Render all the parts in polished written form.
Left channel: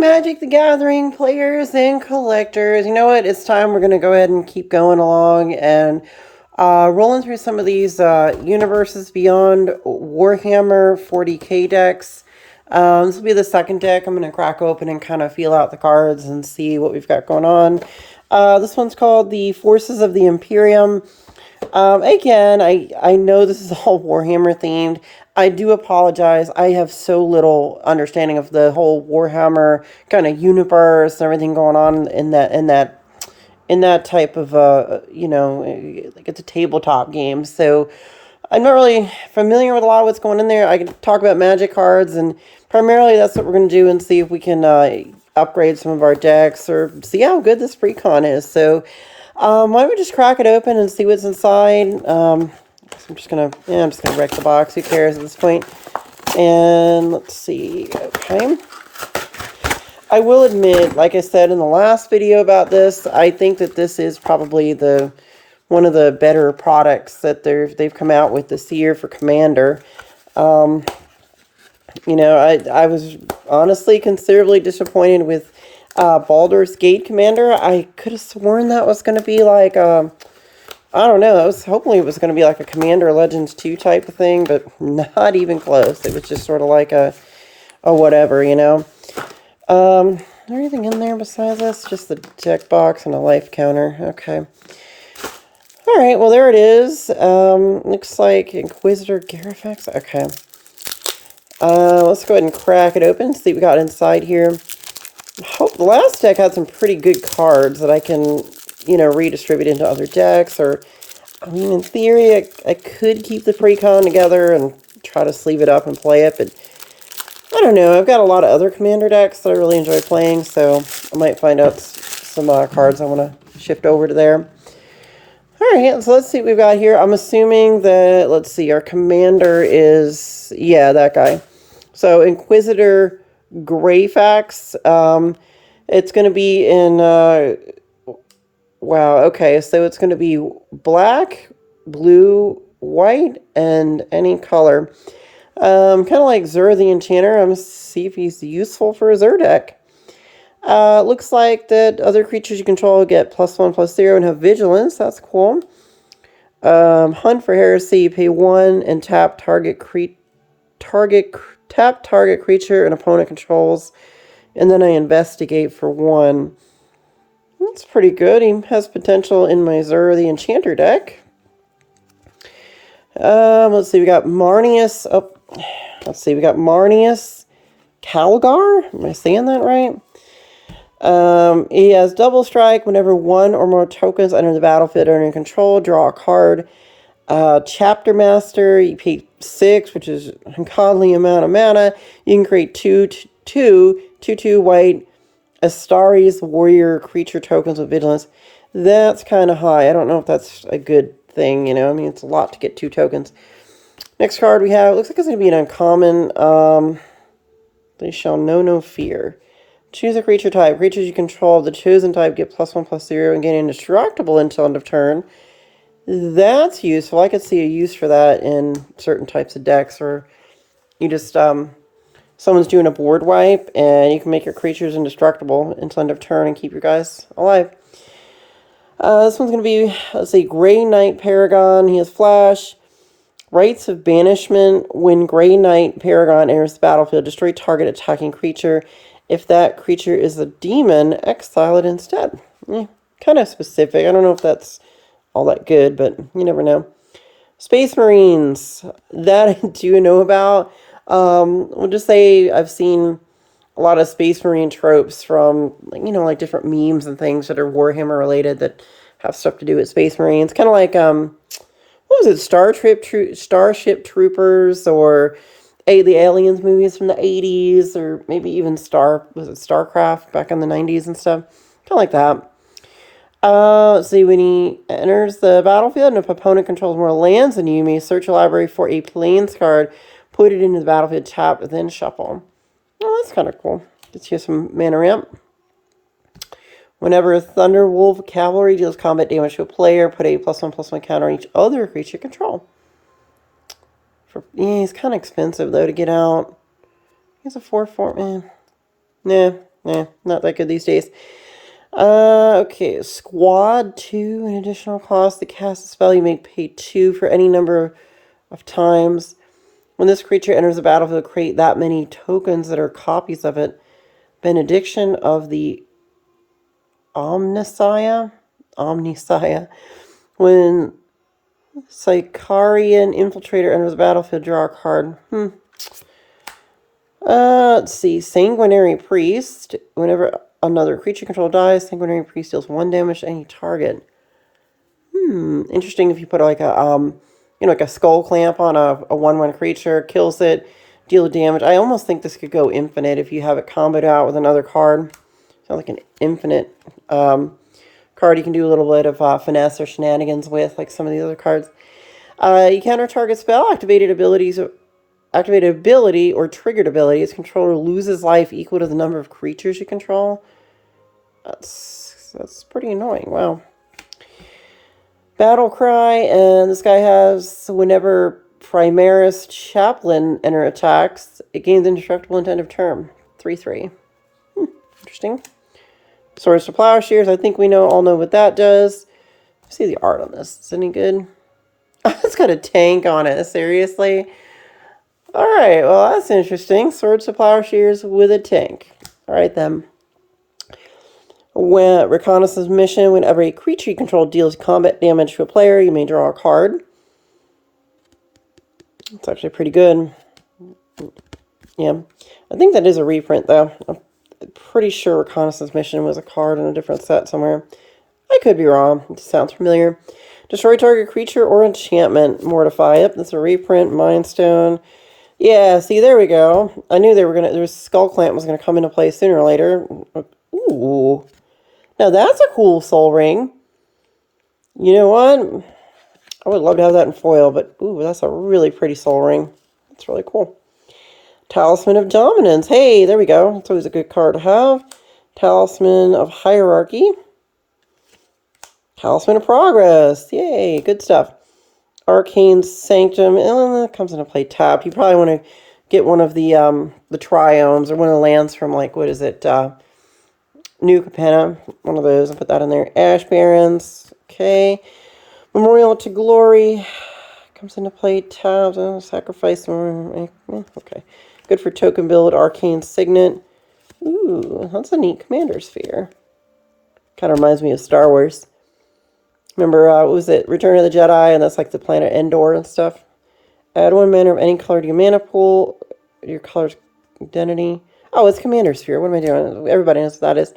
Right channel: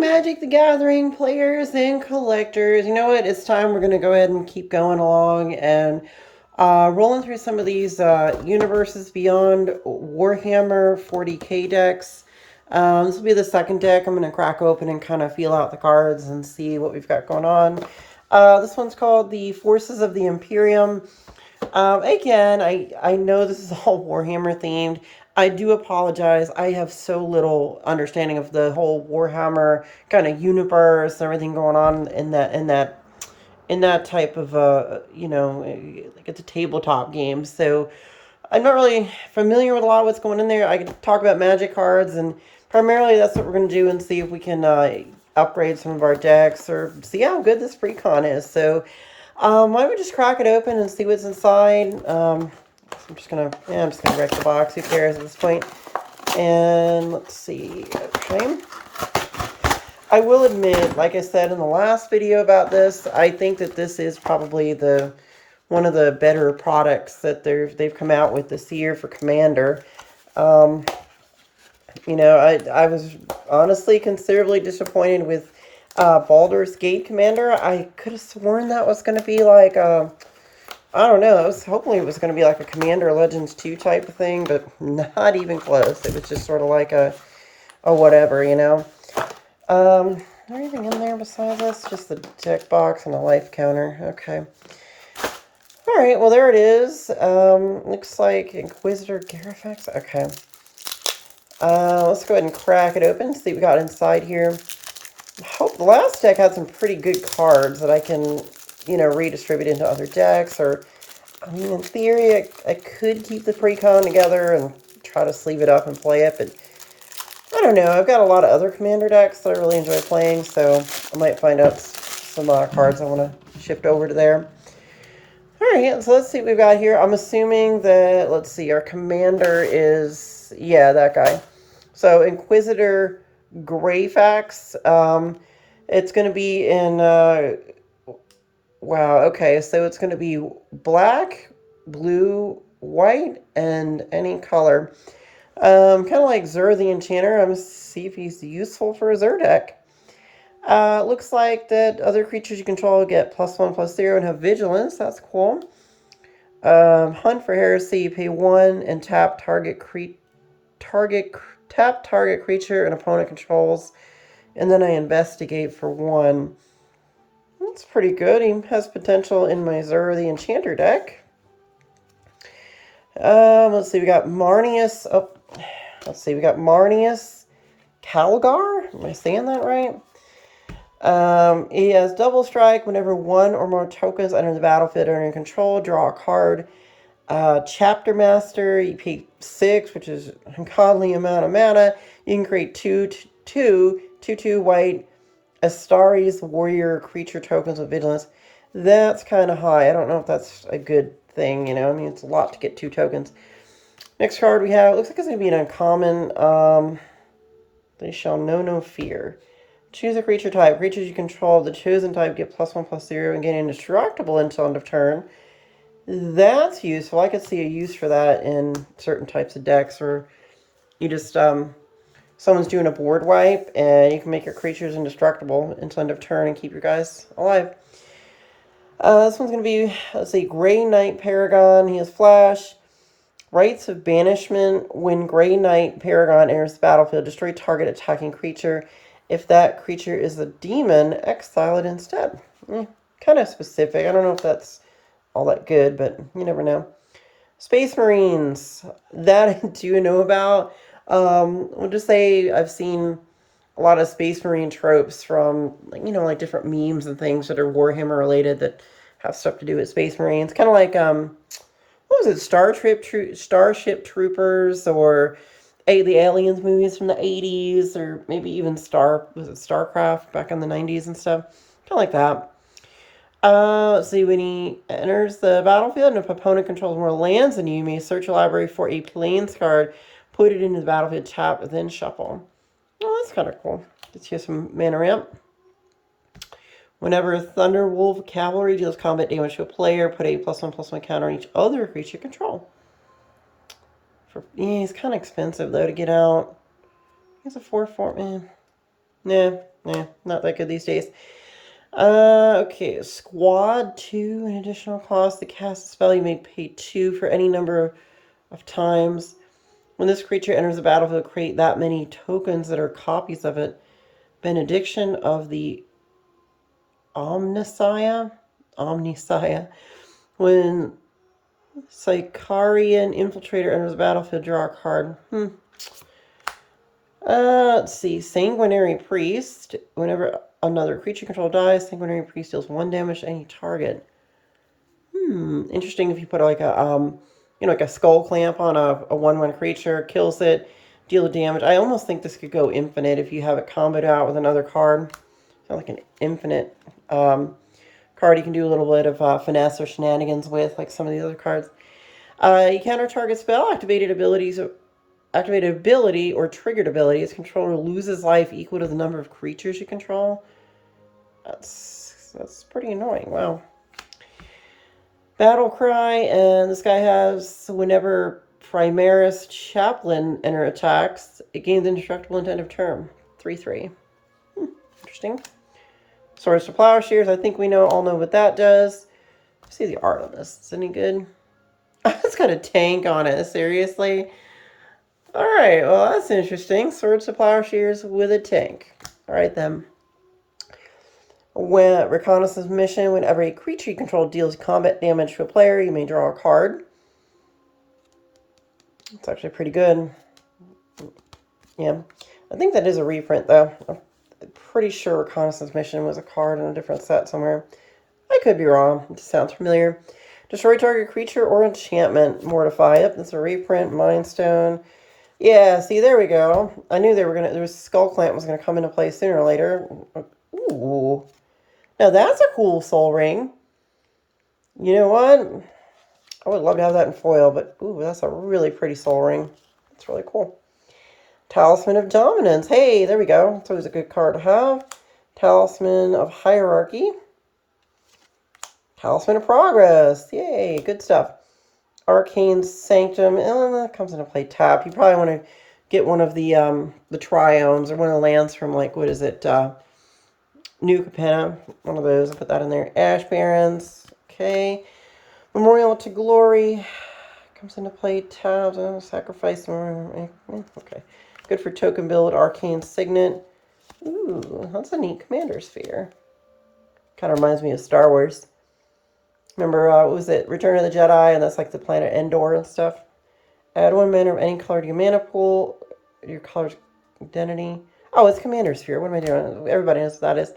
Magic the Gathering players and collectors. You know what? It's time we're going to go ahead and keep going along and rolling through some of these Universes Beyond Warhammer 40k decks. This will be the second deck I'm going to crack open and kind of feel out the cards and see what we've got going on. This one's called the Forces of the Imperium. Again, I know this is all Warhammer themed. I do apologize. I have so little understanding of the whole Warhammer kind of universe and everything going on in that type of like it's a tabletop game. So I'm not really familiar with a lot of what's going in there. I can talk about magic cards, and primarily that's what we're going to do and see if we can upgrade some of our decks or see how good this precon is. So why don't we just crack it open and see what's inside? I'm just gonna wreck the box. Who cares at this point? And let's see. Okay. I will admit, like I said in the last video about this, I think that this is probably one of the better products that they've come out with this year for Commander. I was honestly considerably disappointed with Baldur's Gate Commander. I could have sworn that was going to be like, I don't know, I was hoping it was going to be like a Commander Legends 2 type of thing, but not even close. It was just sort of like a whatever, you know. Is there anything in there besides this? Just the deck box and a life counter. Okay. Alright, well there it is. Looks like Inquisitor Garifex. Okay. Let's go ahead and crack it open, see what we got inside here. I hope the last deck had some pretty good cards that I can, redistribute into other decks, or, I mean, in theory, I could keep the precon together and try to sleeve it up and play it, but I don't know. I've got a lot of other Commander decks that I really enjoy playing, so I might find out some cards I want to shift over to there. Alright, so let's see what we've got here. I'm assuming that, let's see, our Commander is, yeah, that guy. So, Inquisitor Greyfax. It's going to be in, wow, okay, so it's going to be black, blue, white, and any color. Kind of like Zur the Enchanter. I'm going to see if he's useful for a Zur deck. Looks like that other creatures you control get +1/+0 and have vigilance. That's cool. Hunt for Heresy. Pay 1 and tap target creature an opponent controls, and then I investigate for 1. That's pretty good. He has potential in my Zur the Enchanter deck. Let's see. We got Marnius. Oh, let's see. We got Marnius Calgar. Am I saying that right? He has double strike. Whenever 1 or more tokens enter the battlefield under your control, draw a card. Chapter Master. You pay 6, which is an ungodly amount of mana. You can create 2/2 white Astari's Warrior creature tokens with vigilance. That's kind of high. I don't know if that's a good thing, I mean, it's a lot to get 2 tokens. Next card we have, looks like it's going to be an uncommon. They shall know no fear. Choose a creature type. Creatures you control, the chosen type, get +1/+0 and gain indestructible until end of turn. That's useful. I could see a use for that in certain types of decks, or you just, someone's doing a board wipe, and you can make your creatures indestructible until end of turn and keep your guys alive. This one's going to be, let's see, Grey Knight Paragon. He has Flash. Rites of Banishment. When Grey Knight Paragon enters the battlefield, destroy target attacking creature. If that creature is a demon, exile it instead. Kind of specific. I don't know if that's all that good, but you never know. Space Marines. That I do know about. We'll just say I've seen a lot of Space Marine tropes from, like different memes and things that are Warhammer related that have stuff to do with Space Marines. Kind of like, what was it, Starship Troopers, or the Aliens movies from the 80s, or maybe even Starcraft back in the 90s and stuff. Kind of like that. Let's see, when he enters the battlefield and if opponent controls more lands than you may search a library for a plains card, put it into the battlefield, tap, then shuffle. Oh, that's kind of cool. Gets you some mana ramp. Whenever Thunderwolf Cavalry deals combat damage to a player, put a +1/+1 counter on each other creature control. He's kind of expensive, though, to get out. He's a 4/4, man. Nah, Not that good these days. Okay, squad 2, an additional cost. The cast spell you may pay 2 for any number of times. When this creature enters the battlefield, create that many tokens that are copies of it. Benediction of the Omnissiah. When Sicarian Infiltrator enters the battlefield, draw a card. Let's see. Sanguinary Priest. Whenever another creature control dies, Sanguinary Priest deals 1 damage to any target. Interesting if you put like a like a skull clamp on a 1/1 creature, kills it, deal damage. I almost think this could go infinite if you have it comboed out with another card. So like an infinite card you can do a little bit of finesse or shenanigans with, like some of the other cards. You counter target spell, activated ability or triggered ability. Its controller loses life equal to the number of creatures you control. That's pretty annoying. Wow. Battle Cry, and this guy has whenever Primaris Chaplain enter attacks, it gains indestructible until end of turn. 3/3. Interesting. Swords to Plowshares, I think we all know what that does. Let's see the art on this. Is it any good? It's got a tank on it, seriously? Alright, well that's interesting. Swords to Plowshares with a tank. Alright then. When reconnaissance mission, whenever a creature you control deals combat damage to a player, you may draw a card. It's actually pretty good. Yeah. I think that is a reprint though. I'm pretty sure reconnaissance mission was a card in a different set somewhere. I could be wrong. It sounds familiar. Destroy target creature or enchantment. Mortify it. That's a reprint. Mind Stone. Yeah, see, there we go. I knew there's Skull Clamp was gonna come into play sooner or later. Ooh. Now that's a cool soul ring. You know what? I would love to have that in foil, but ooh, that's a really pretty soul ring. That's really cool. Talisman of Dominance. Hey, there we go. That's always a good card to have. Talisman of Hierarchy. Talisman of Progress. Yay, good stuff. Arcane Sanctum. It comes into play tapped. You probably want to get one of the Triomes or one of the lands from, like, what is it? New Capenna, one of those. I'll put that in there. Ash Barrens. Okay. Memorial to Glory. Comes into play tapped. Sacrifice. Okay. Good for token build. Arcane Signet. Ooh, that's a neat commander sphere. Kind of reminds me of Star Wars. Remember, what was it? Return of the Jedi, and that's like the planet Endor and stuff. Add 1 mana of any color to your mana pool. Your color's identity. Oh, it's Commander Sphere. What am I doing? Everybody knows what that is.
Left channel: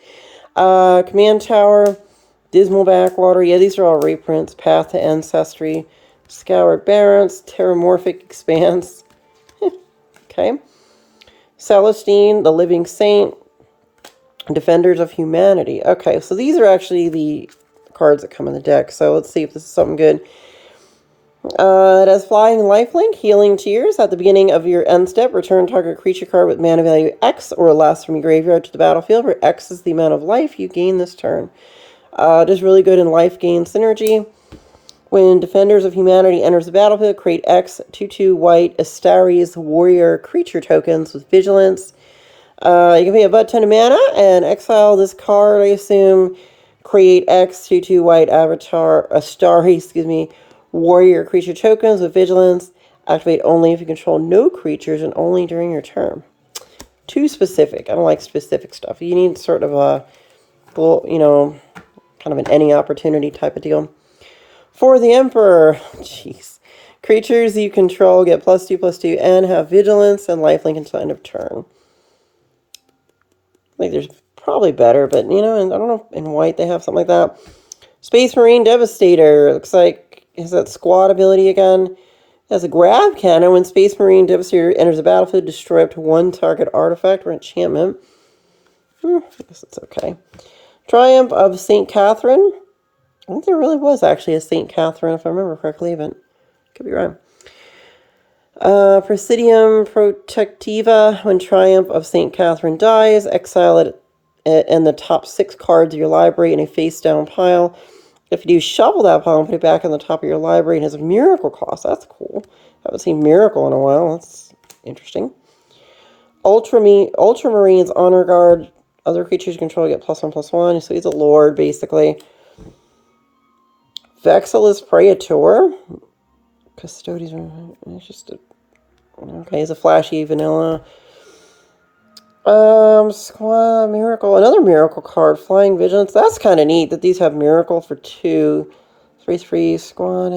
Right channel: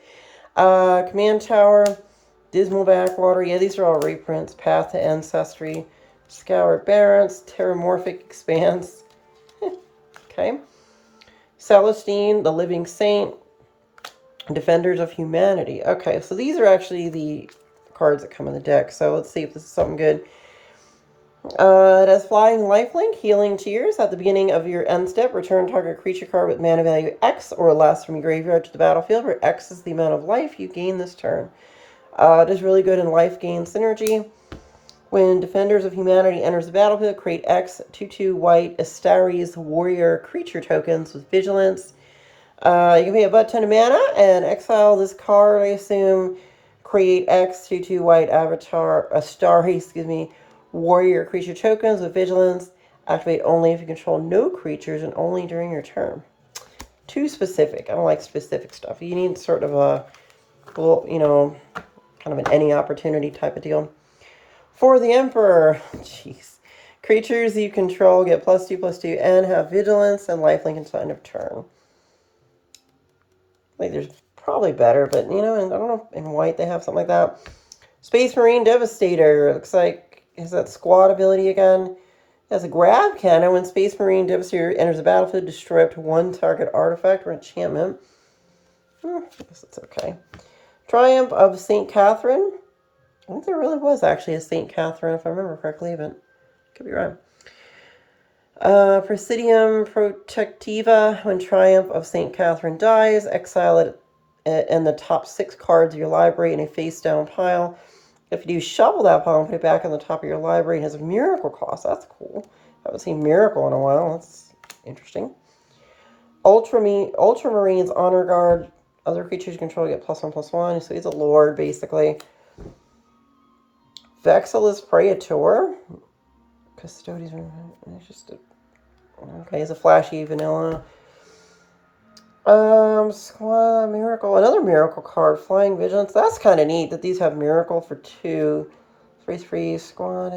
Command Tower. Dismal Backwater. Yeah, these are all reprints. Path to Ancestry. Scour Barrens. Terramorphic Expanse. Okay. Celestine, the Living Saint. Defenders of Humanity. Okay, so these are actually the cards that come in the deck. So let's see if this is something good. It has Flying Lifelink, Healing Tears. At the beginning of your end step, return target creature card with mana value X or less from your graveyard to the battlefield, where X is the amount of life you gain this turn. It is really good in life gain synergy. When Defenders of Humanity enters the battlefield, create X 2/2 white Astaris warrior creature tokens with vigilance. You can pay a butt ton of mana and exile this card, I assume. Create X 2/2 white avatar Astari, warrior creature tokens with vigilance. Activate only if you control no creatures and only during your turn. Too specific. I don't like specific stuff. You need sort of a, kind of an any opportunity type of deal. For the Emperor, jeez. Creatures you control get +2/+2 and have vigilance and lifelink until end of turn. Like there's probably better, but and I don't know, in white they have something like that. Space Marine Devastator. Looks like, is that squad ability again? It has a grab cannon. When Space Marine Devastator enters the battlefield, destroy up to 1 target artifact or enchantment. I guess it's okay. Triumph of St. Catherine. I think there really was actually a St. Catherine, if I remember correctly, but could be wrong. Presidium Protectiva. When Triumph of St. Catherine dies, exile it and the top 6 cards of your library in a face-down pile. If you do, shuffle that pile and put it back on the top of your library. It has a miracle cost. That's cool. I haven't seen miracle in a while. That's interesting. Ultramarines Honor Guard. Other creatures you control get +1/+1. So he's a lord, basically. Vexillus Praetor. Custodian. It's just a... Okay, he's a flashy vanilla. Squad Miracle. Another Miracle card. Flying Vigilance. That's kind of neat that these have Miracle for 2. 3/3 Squad.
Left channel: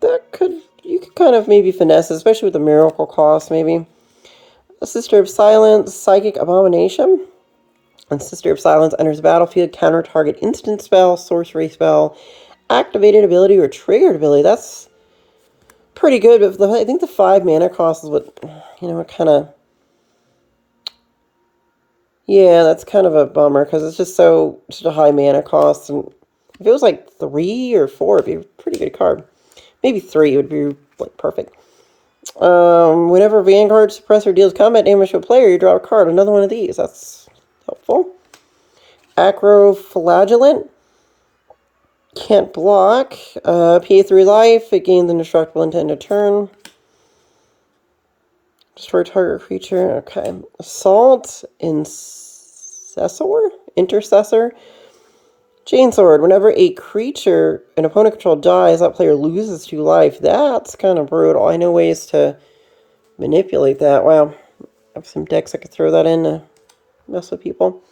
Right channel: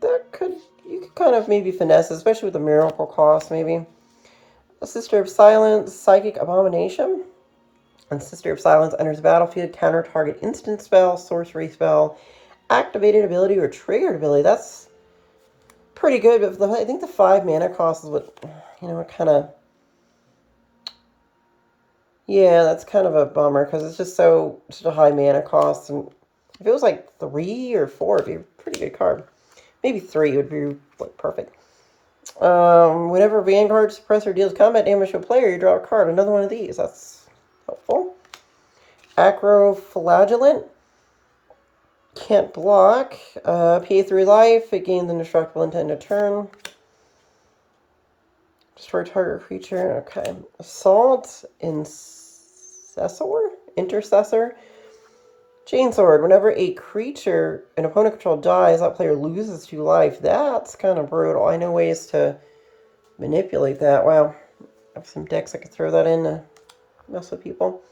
That could... You could kind of maybe finesse, especially with the Miracle cost, maybe. A Sister of Silence. Psychic Abomination. And Sister of Silence enters the battlefield. Counter target instant spell, sorcery spell, activated ability, or triggered ability. That's pretty good, but I think the 5 mana cost is what, you know, kind of... Yeah, that's kind of a bummer, because it's just such a high mana cost. And if it was like 3 or 4, it'd be a pretty good card. Maybe 3 would be like perfect. Whenever Vanguard Suppressor deals combat damage to a player, you draw a card. Another one of these. That's helpful. Acroflagellant. Can't block. PA 3 life. It gains indestructible until end of turn. Destroy target creature. Okay. Assault. Intercessor. Chainsword. Whenever a creature an opponent controls dies, that player loses 2 life. That's kind of brutal. I know ways to manipulate that. Wow. I have some decks I could throw that in to mess with people.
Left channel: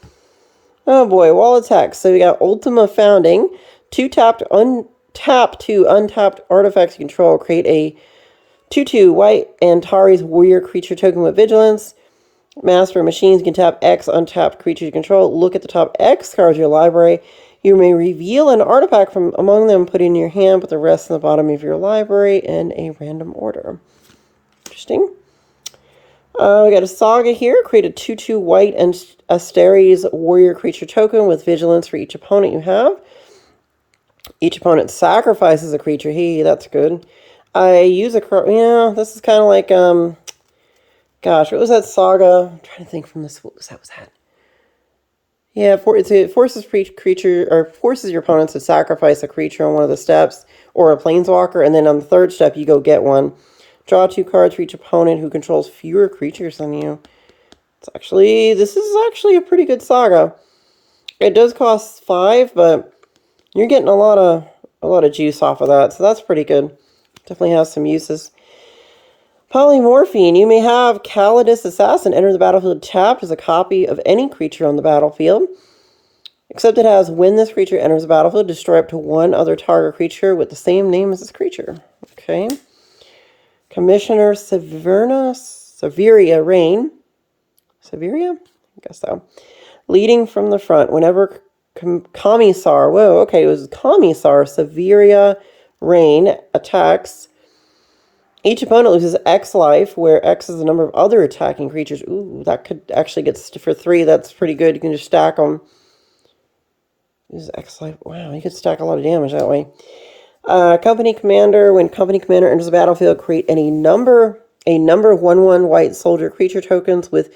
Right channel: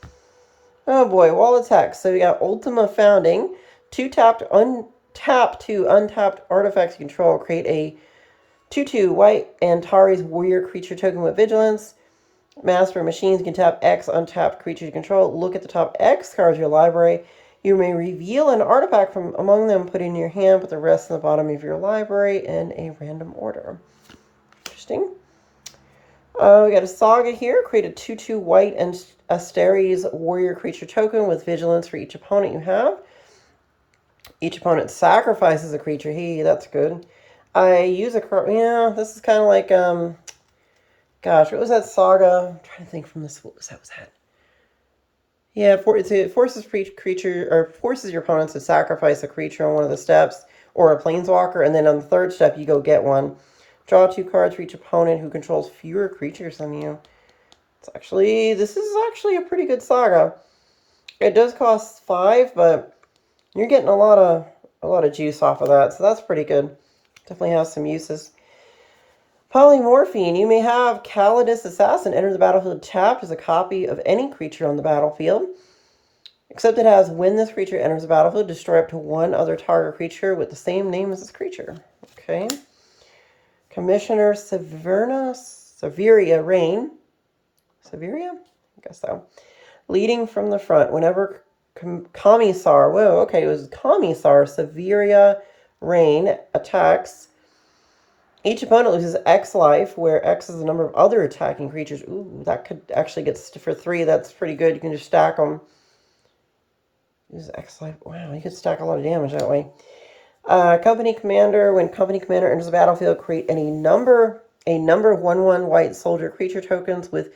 Oh boy, wall attacks. So we got Ultima Founding. 2 tapped, untap 2 untapped artifacts you control. Create a 2/2 white Antares warrior creature token with vigilance. Master of Machines can tap X untapped creature you control. Look at the top X cards of your library. You may reveal an artifact from among them, put it in your hand, put the rest in the bottom of your library in a random order. Interesting. We got a Saga here. Create a 2/2 white and Asteres warrior creature token with vigilance for each opponent you have. Each opponent sacrifices a creature. Hey, that's good. I use a card. Yeah, this is kind of like, gosh, what was that Saga? I'm trying to think from this. What was that? Yeah, it forces your opponents to sacrifice a creature on one of the steps, or a planeswalker, and then on the 3rd step, you go get one. Draw 2 cards for each opponent who controls fewer creatures than you. This is actually a pretty good Saga. It does cost 5, but you're getting a lot of juice off of that, so that's pretty good. Definitely has some uses. Polymorphine. You may have Calidus Assassin enter the battlefield tapped as a copy of any creature on the battlefield. Except it has, when this creature enters the battlefield, destroy up to 1 other target creature with the same name as this creature. Okay. Commissioner Severia Rain. Severia? I guess so. Leading from the front. Whenever Commissar, whoa, okay, it was Commissar Severia Rain attacks, each opponent loses X life, where X is the number of other attacking creatures. Ooh, that could actually get for 3. That's pretty good. You can just stack them. Use X life. Wow, you could stack a lot of damage that way. Company Commander. When Company Commander enters the battlefield, create any number of 1/1 white soldier creature tokens with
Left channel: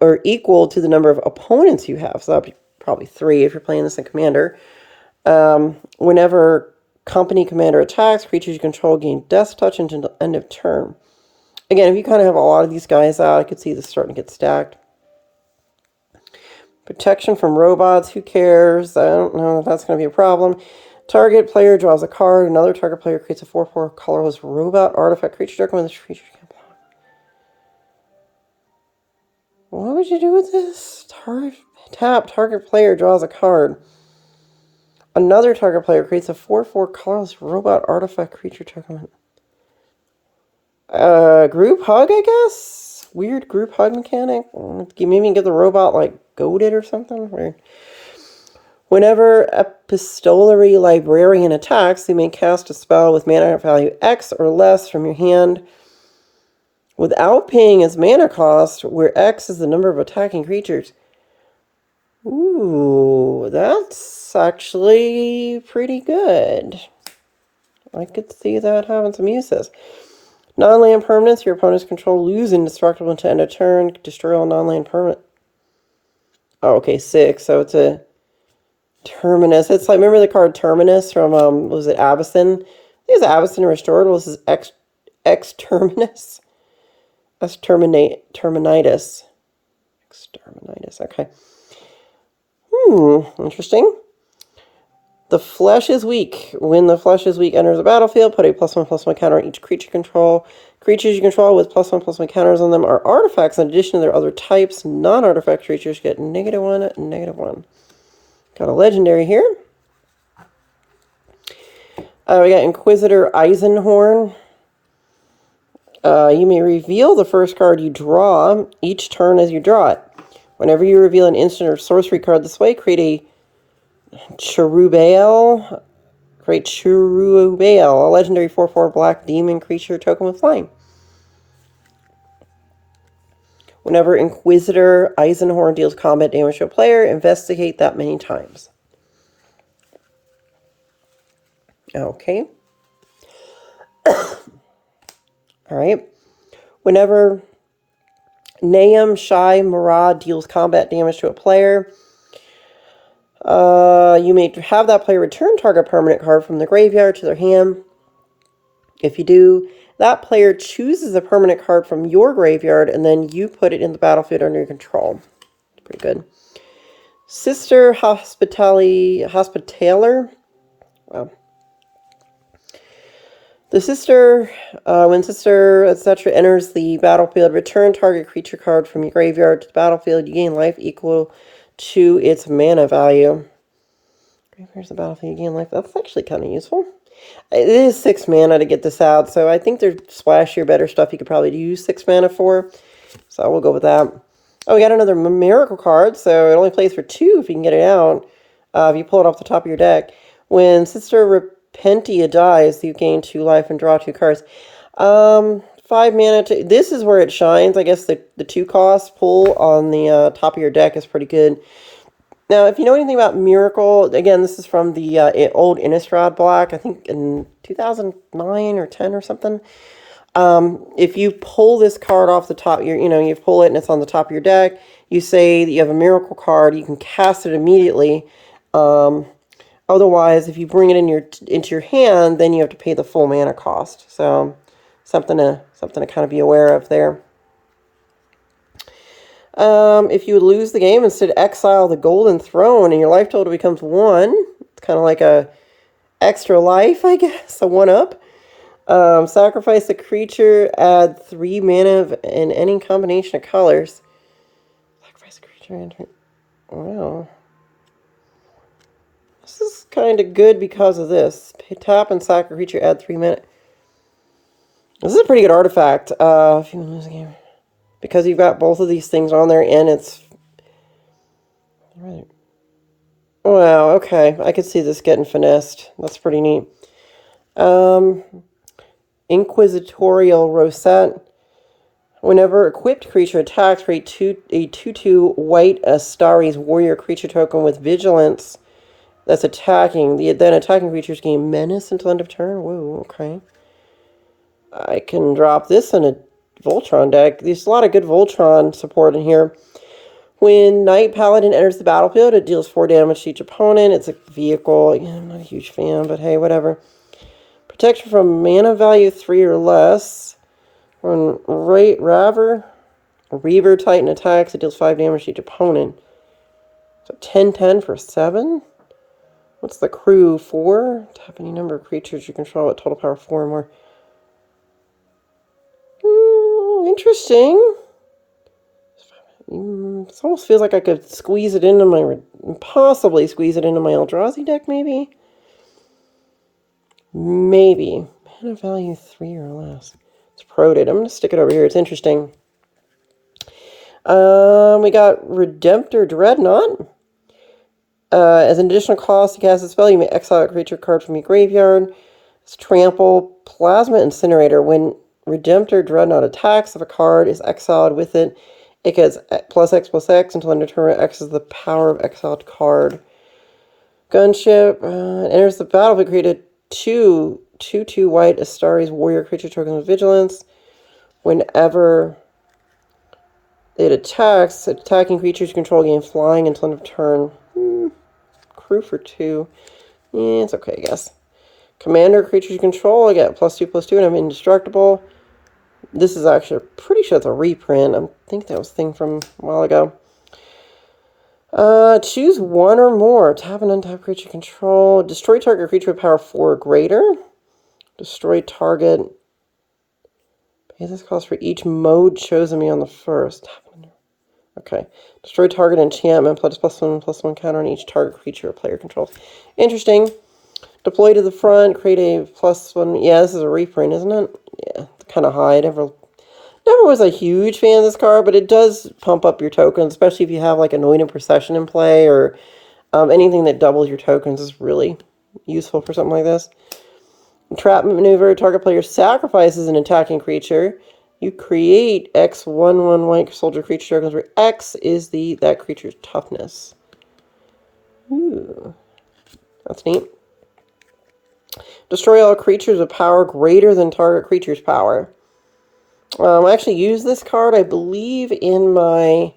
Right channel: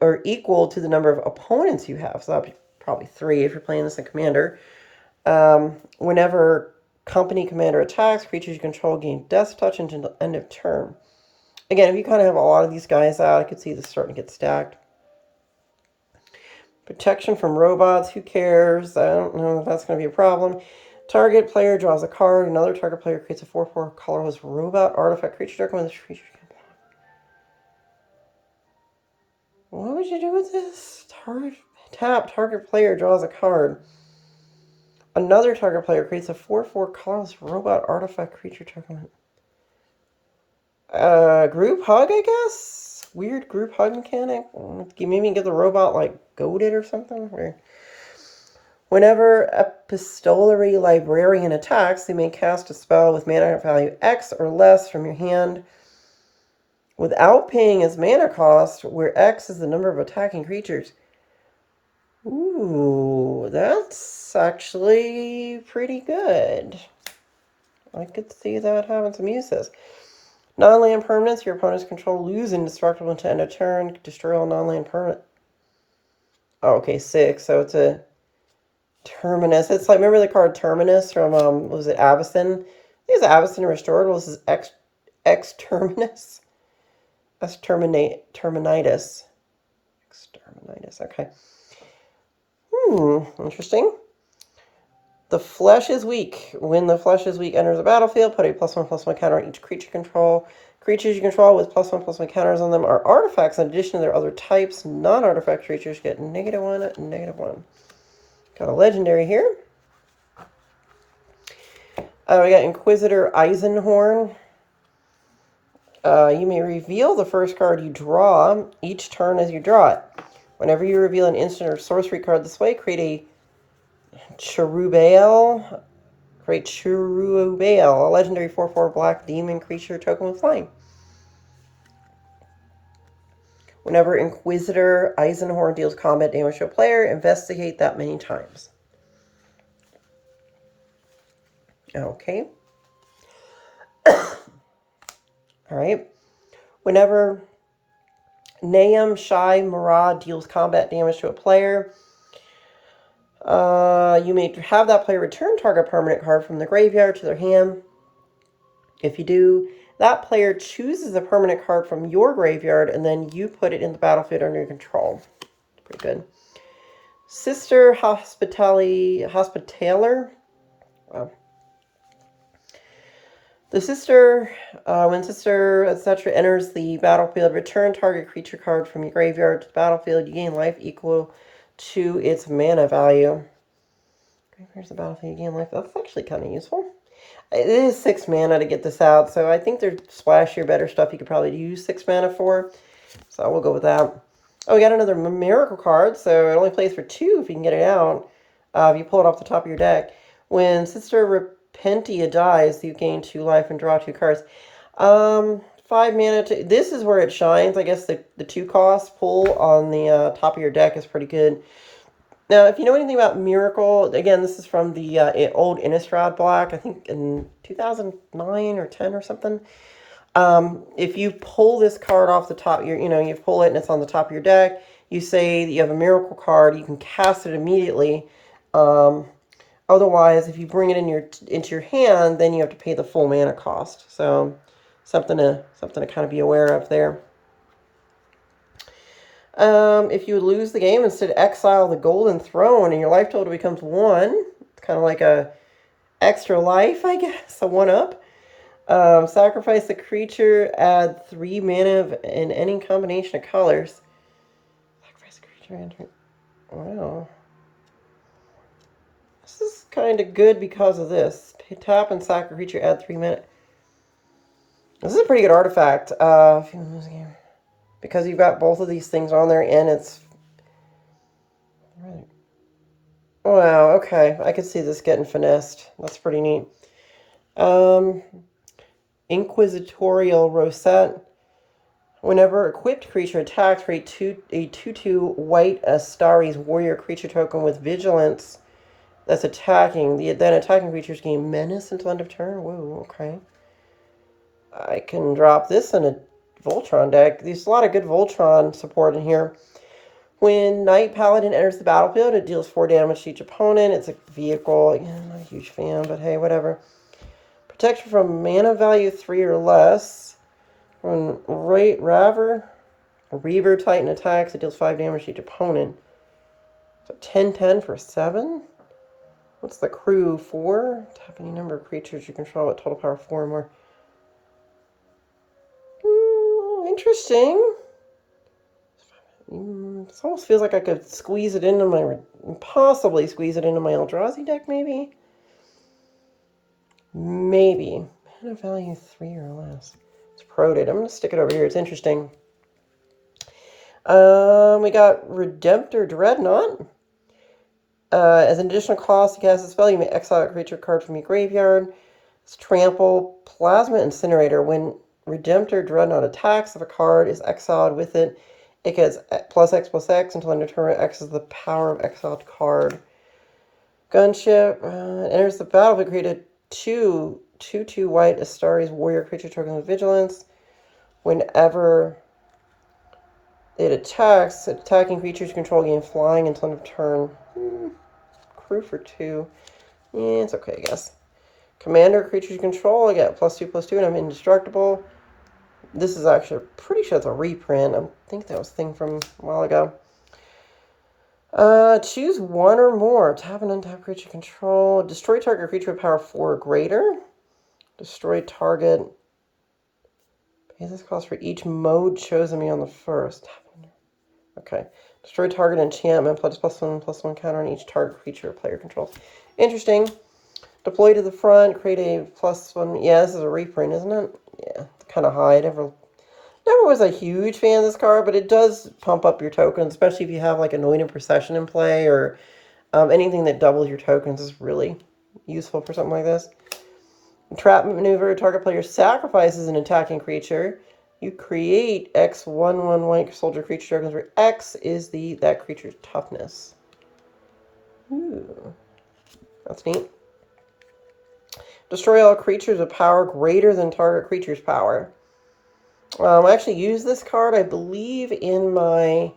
or equal to the number of opponents you have. So that'll be probably 3 if you're playing this in Commander. Whenever Company Commander attacks, creatures you control gain Death Touch until the end of turn. Again, if you kind of have a lot of these guys out, I could see this starting to get stacked. Protection from robots, who cares? I don't know if that's going to be a problem. Target player draws a card. Another target player creates a 4/4 colorless robot artifact creature token with this creature can block. What would you do with this? Target player draws a card. Another target player creates a 4/4 colorless robot artifact creature token. Group hug, I guess? Weird group hug mechanic. Maybe get the robot, like, goaded or something. Weird. Whenever Epistolary Librarian attacks, you may cast a spell with mana value X or less from your hand without paying its mana cost, where X is the number of attacking creatures. Ooh, that's actually pretty good. I could see that having some uses. Non-land permanents, your opponent's control lose indestructible until end of turn. Destroy all non-land permanent. Oh, okay, 6. So it's a Terminus. It's like, remember the card Terminus from, was it Avacyn? I think it's Avacyn Restored. Was this X Terminus? Terminitis. Exterminitis, okay. Interesting. The flesh is weak. When the flesh is weak enters the battlefield, put a +1/+1 counter on each creature control. Creatures you control with +1/+1 counters on them are artifacts in addition to their other types. Non-artifact creatures get -1, -1. Got a legendary here. We got Inquisitor Eisenhorn. You may reveal the first card you draw each turn as you draw it. Whenever you reveal an instant or sorcery card this way, create a Cherubale. Create Cherubale, a legendary 4/4 black demon creature token with flying. Whenever Inquisitor Eisenhorn deals combat damage to a player, investigate that many times. Okay. Alright. Whenever Naam Shai Murad deals combat damage to a player, you may have that player return target permanent card from the graveyard to their hand. If you do, that player chooses a permanent card from your graveyard, and then you put it in the battlefield under your control. Pretty good. Sister Hospitaller. Wow. The sister, when sister, etc., enters the battlefield, return target creature card from your graveyard to the battlefield. You gain life equal to its mana value. Here's the battlefield, you gain life. That's actually kind of useful. It is 6 mana to get this out, so I think there's splashier, better stuff you could probably use 6 mana for. So we'll go with that. Oh, we got another miracle card, so it only plays for 2 if you can get it out. If you pull it off the top of your deck. When Sister Repentia dies, you gain 2 life and draw 2 cards. 5 mana. This is where it shines. I guess the 2 cost pull on the top of your deck is pretty good. Now, if you know anything about Miracle, again, this is from the old Innistrad block, I think in 2009 or 10 or something. If you pull this card off the top, you pull it and it's on the top of your deck, you say that you have a Miracle card, you can cast it immediately. Otherwise, if you bring it into your hand, then you have to pay the full mana cost. So, something to kind of be aware of there. If you would lose the game, instead exile the Golden Throne and your life total becomes 1. It's kind of like a extra life, I guess, a 1-up. Sacrifice a creature, add 3 mana in any combination of colors. Sacrifice a creature, enter. Wow. This is kind of good because of this. Tap and sack a creature, add 3 mana. This is a pretty good artifact. If you lose the game. Because you've got both of these things on there, and it's... Right. Wow, okay. I could see this getting finessed. That's pretty neat. Inquisitorial Rosette. Whenever equipped creature attacks, create a 2/2 white Astari's warrior creature token with vigilance that's attacking. Then attacking creatures gain menace until end of turn. Whoa, okay. I can drop this in a Voltron deck. There's a lot of good Voltron support in here. When Knight Paladin enters the battlefield, it deals 4 damage to each opponent. It's a vehicle. Again, I'm not a huge fan, but hey, whatever. Protection from mana value 3 or less. When Reaver Titan attacks, it deals 5 damage to each opponent. So 10/10 for 7. What's the crew? 4? Tap any number of creatures you control at total power 4 or more. Interesting. This almost feels like I could squeeze it into my... Possibly squeeze it into my Eldrazi deck, maybe? Maybe. Mana value 3 or less. It's proted. I'm going to stick it over here. It's interesting. We got Redemptor Dreadnought. As an additional cost to cast a spell, you may exile a creature card from your graveyard. It's Trample Plasma Incinerator. When Redemptor Dreadnought attacks, if a card is exiled with it, it gets +X/+X until end of turn. X is the power of exiled card. Gunship enters the battlefield. Create a 2/2 white Astari's warrior creature token with vigilance. Whenever it attacks, attacking creatures control gain flying until end of turn. Crew for 2. Yeah, it's okay, I guess. Commander creatures you control, I get +2/+2, and I'm indestructible. This is actually, pretty sure it's a reprint. I think that was a thing from a while ago. Choose one or more. Tap and untap creature control. Destroy target creature with power 4 or greater. Destroy target. Pay this cost for each mode chosen beyond the first. Okay. Destroy target enchantment +1/+1 counter on each target creature or player controls. Interesting. Deploy to the front. Create a +1. Yeah, this is a reprint, isn't it? Yeah, it's kind of high. Never was a huge fan of this card, but it does pump up your tokens, especially if you have like Anointed Procession in play or anything that doubles your tokens is really useful for something like this. Entrapment maneuver. Target player sacrifices an attacking creature. You create X 1/1 white soldier creature tokens where X is that creature's toughness. Ooh, that's neat. Destroy all creatures with power greater than target creature's power. I actually use this card, I believe, in my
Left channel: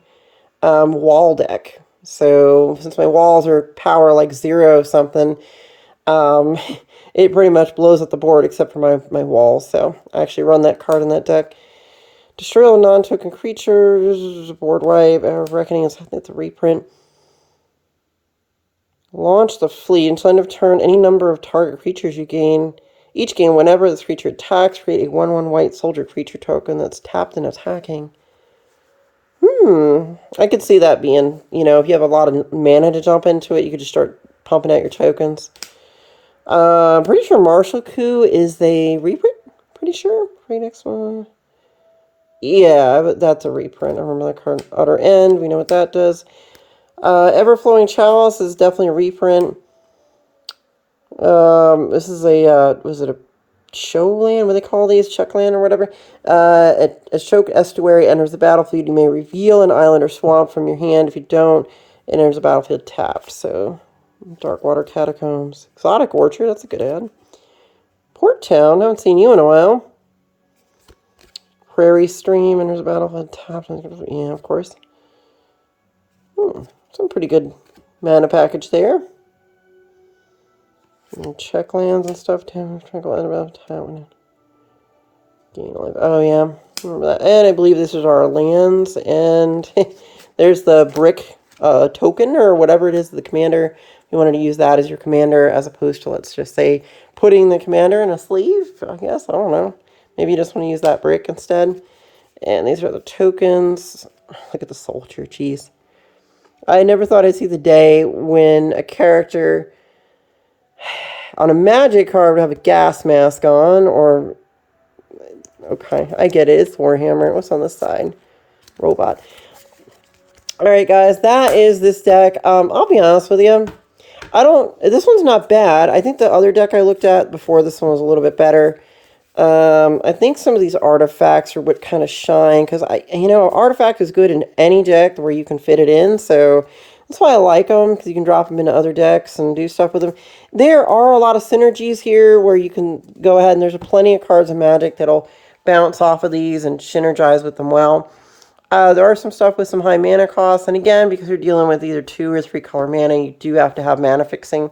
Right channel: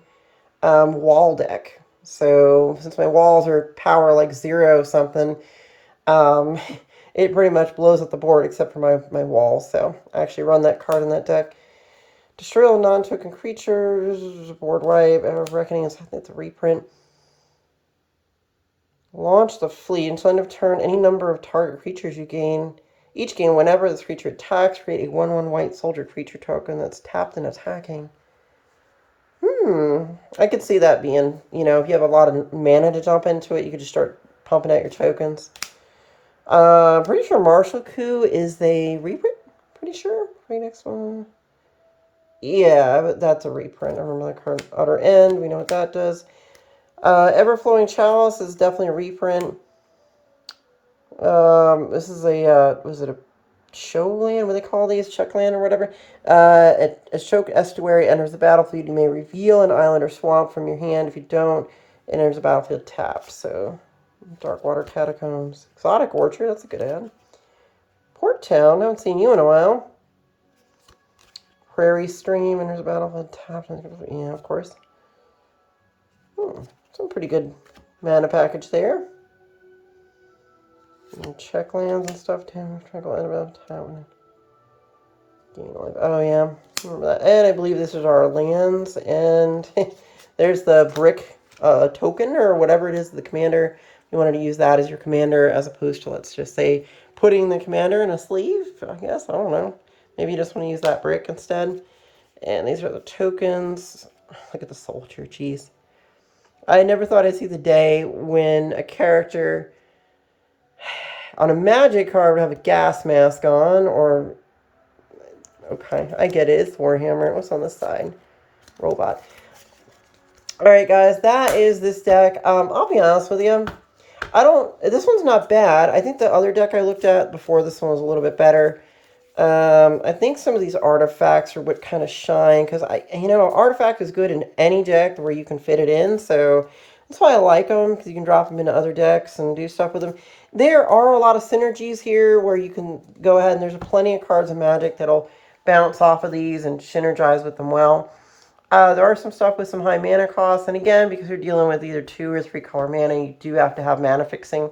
wall deck. So since my walls are power like 0 something, it pretty much blows up the board except for my walls. So I actually run that card in that deck. Destroy all non-token creatures, board wipe, Hour of Reckoning, I think it's a reprint. Launch the fleet. Until end of turn, any number of target creatures you gain. Each game, whenever this creature attacks, create a 1/1 white soldier creature token that's tapped and attacking. I could see that being, if you have a lot of mana to jump into it, you could just start pumping out your tokens. Pretty sure Martial Coup is the reprint. Pretty sure. Next one. Yeah, but that's a reprint. I remember that card. Utter End. We know what that does. Everflowing Chalice is definitely a reprint. This is was it a show land? What do they call these? Check land or whatever. A choke estuary enters the battlefield. You may reveal an island or swamp from your hand. If you don't, it enters the battlefield tapped. So, Darkwater Catacombs. Exotic Orchard, that's a good ad. Port Town, haven't seen you in a while. Prairie Stream enters the battlefield tapped. Yeah, of course. Some pretty good mana package there. And check lands and stuff too. Oh yeah, remember that. And I believe this is our lands. And there's the brick token or whatever it is. The commander. You wanted to use that as your commander as opposed to, let's just say, putting the commander in a sleeve. I guess I don't know. Maybe you just want to use that brick instead. And these are the tokens. Look at the soldier. Jeez. I never thought I'd see the day when a character on a magic card would have a gas mask on, or... Okay, I get it. It's Warhammer. What's on this side? Robot. Alright, guys. That is this deck. I'll be honest with you. This one's not bad. I think the other deck I looked at before this one was a little bit better. I think some of these artifacts are what kind of shine, because artifact is good in any deck where you can fit it in, so that's why I like them, because you can drop them into other decks and do stuff with them. There are a lot of synergies here where you can go ahead and there's plenty of cards of Magic that'll bounce off of these and synergize with them well. There are some stuff with some high mana costs, and again, because you're dealing with either 2 or 3 color mana, you do have to have mana fixing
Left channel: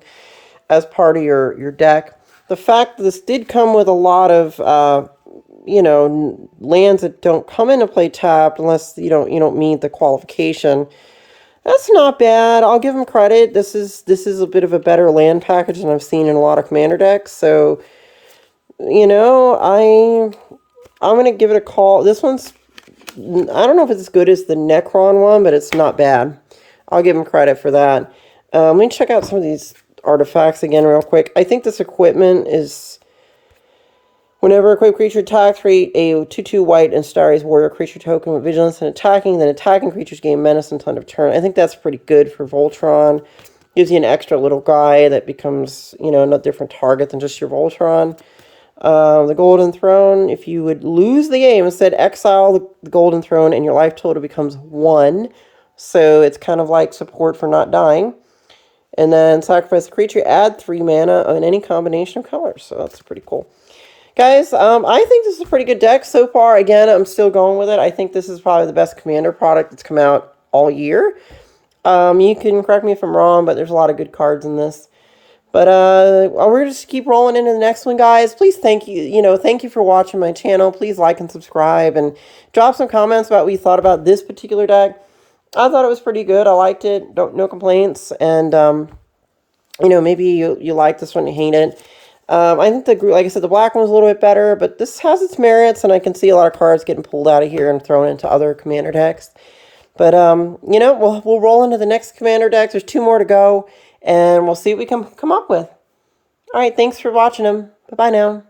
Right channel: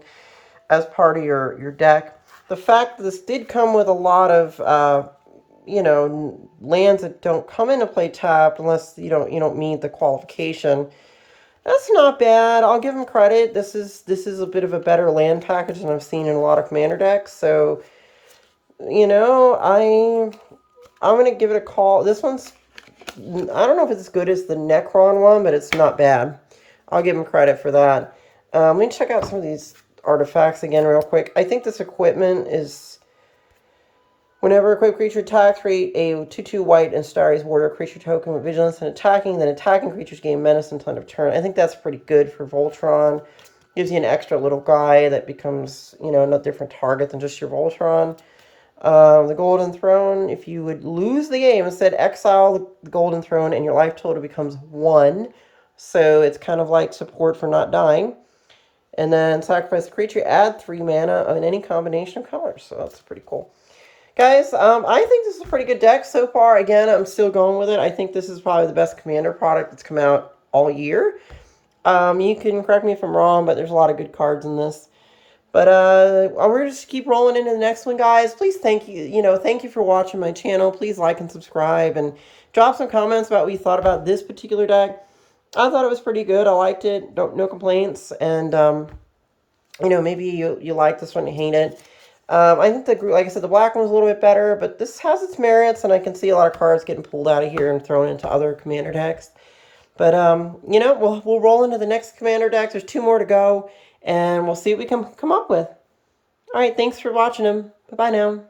as part of your deck. The fact that this did come with a lot of, lands that don't come into play tapped unless you don't meet the qualification. That's not bad. I'll give them credit. This is a bit of a better land package than I've seen in a lot of commander decks. So, I'm gonna give it a call. This one's, I don't know if it's as good as the Necron one, but it's not bad. I'll give them credit for that. Let me check out some of these artifacts again real quick. I think this equipment is, whenever a equipped creature attacks, create a 2/2 white and Starry's warrior creature token with vigilance and attacking, then attacking creatures gain menace until end of turn. I think that's pretty good for Voltron. Gives you an extra little guy that becomes, a different target than just your Voltron. The Golden Throne, if you would lose the game, instead exile the Golden Throne and your life total becomes 1. So it's kind of like support for not dying. And then sacrifice the creature, add 3 mana in any combination of colors. So that's pretty cool. Guys, I think this is a pretty good deck so far. Again, I'm still going with it. I think this is probably the best commander product that's come out all year. You can correct me if I'm wrong, but there's a lot of good cards in this. But we're just keep rolling into the next one, guys. Please thank you for watching my channel. Please like and subscribe and drop some comments about what you thought about this particular deck. I thought it was pretty good. I liked it. No complaints. And maybe you like this one, you hate it. I think like I said, the black one was a little bit better, but this has its merits, and I can see a lot of cards getting pulled out of here and thrown into other commander decks. But we'll roll into the next commander decks. There's 2 more to go, and we'll see what we come up with. All right, thanks for watching them. Bye bye now.